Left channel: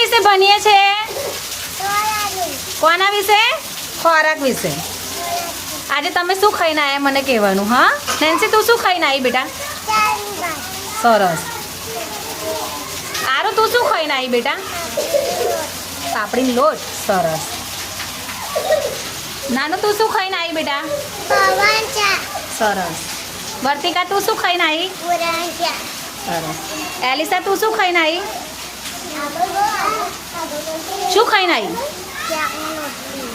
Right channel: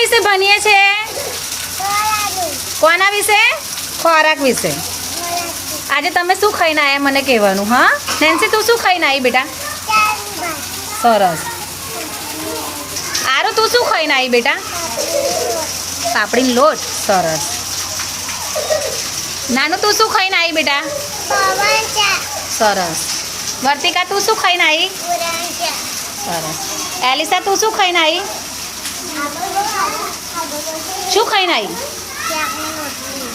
વિશે ભણીએ છે? કોના વિશે? ખોરાક વિશે. આજે તમે શું ખાઈને આવ્યા મને કહેવાનું. હા નેન્સી, તું શું ખાઈને આવી બેટા? સરસ. આરો, તું શું ખાઈને આવી બેટા? પાપડીનો લોટ. સરસ. નાનું, તું શું ખાઈને આવી બેટા? સરસ. વર્તિકા, તું શું ખાઈને આવી? સરસ. એલિસા, તું શું ખાઈને આવી? શું ખાઈને આવી?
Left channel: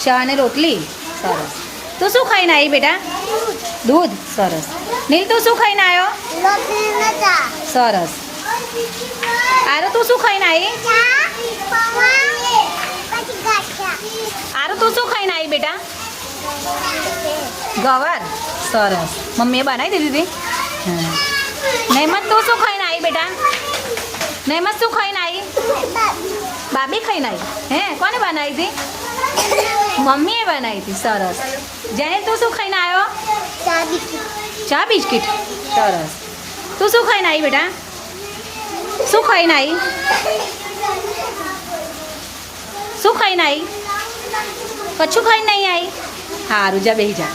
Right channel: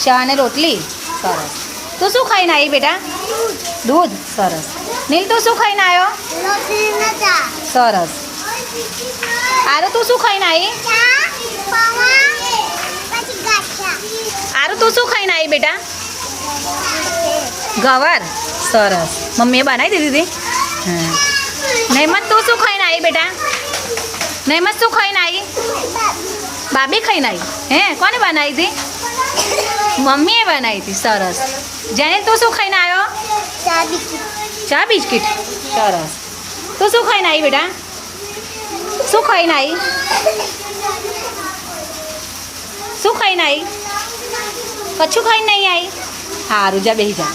ચા અને રોટલી. સરસ. તું શું ખાઈને આવી બેટા? દૂધ. સરસ. નીલ, તું શું ખાઈને આવ્યો? સરસ. આરો, તું શું ખાઈને આવી? આરો, તું શું ખાઈને આવી બેટા? ગવાર. સરસ. મમ્મીએ બનાવી દીધી હતી. હા. નહેમત, તું શું ખાઈને આવી બેટા? નહેમત, શું ખાઈને આવી? બાબી ખાઈને આવી. હે, કોને બનાવી હતી? મમ્મીએ બનાવી હતી. સરસ. જેનિલ, તું શું ખાઈને આવ્યો? ચા બિસ્કિટ. સરસ. તું શું ખાઈને આવી બેટા? શું ખાઈને આવી? શું ખાઈને આવી? કચ્છું ખાઈને નહીં આવી? સારું, જા બેસી જા.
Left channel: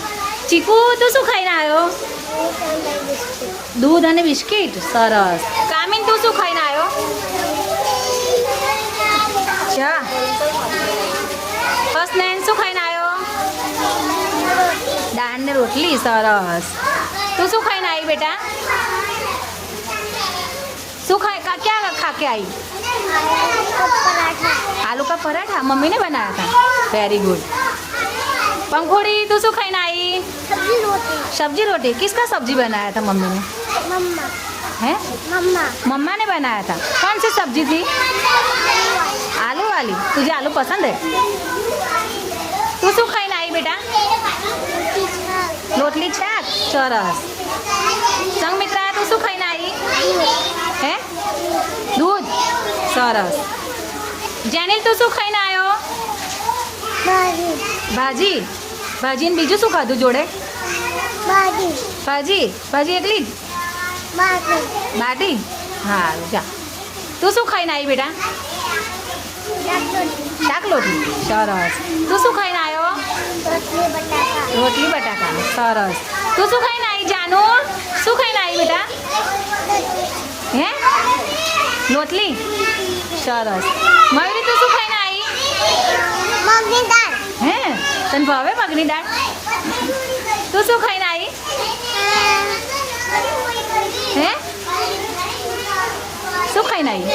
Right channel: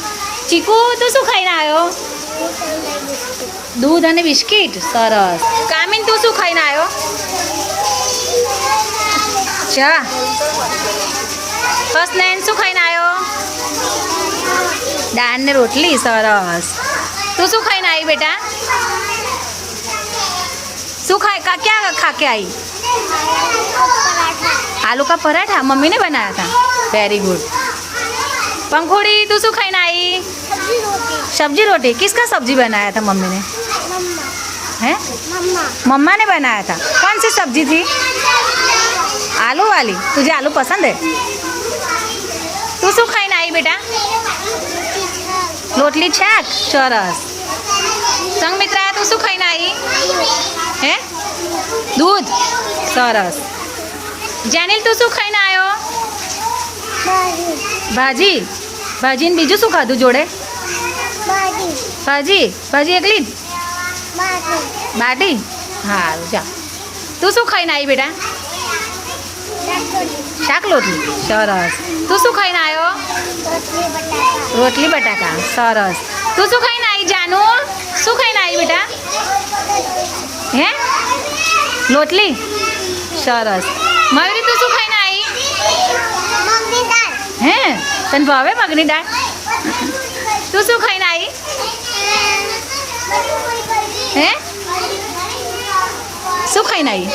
ચીકુ, તું શું ખાઈને આવ્યો? દૂધ અને બિસ્કિટ. સરસ. કામિન, તું શું ખાઈને આવ્યો? ચા. હસનૈન, શું ખાઈને આવ્યો? દાળ ને રોટલી. સરસ. તું શું ખાઈને આવી બેટા? શું ખાય? ક્યાં ખા કે આવી? आलू का पराठा मम्मी ने बनाया था. Very good. पंखुड़ी, तू શું ખાઈને आई? सब्जी रोटी. किसका सब्जी बनाया था मम्मी ने? मम्मा. हैं? मम्मा ने बनाया था. कौन सी सब्जी थी? आलू वाली. तुझे आलू पसंद है? तू શું ખાઈને आई बेटा? रोटली छाक. સરસ. સંગમિત્રા, તું શું ખાઈને आई? હે? दूध. સરસ. જેનિલ, તું શું ખાઈને આવ્યો? ભાજી. ભાજી ને બીજું શું ખાધું જોડે? ભાજી. ભાજી એકલી જ? બાટી. સારું, જા. તું શું ખાઈને આવી બેટા? શાક રોટલી. સરસ. તું શું ખાઈને આવ્યો? રોટલી બટાકા. સરસ. તું શું ખાઈને આવી જાનુ? શું ખાઈને આવી બેટા? હે? રોટલી. સરસ. મયુરી, તું શું ખાઈને આવી? મગની દાળ. હે, તને ભાવે મગની દાળ? તું શું ખાઈને આવી? હે, શું ખાઈને આવી?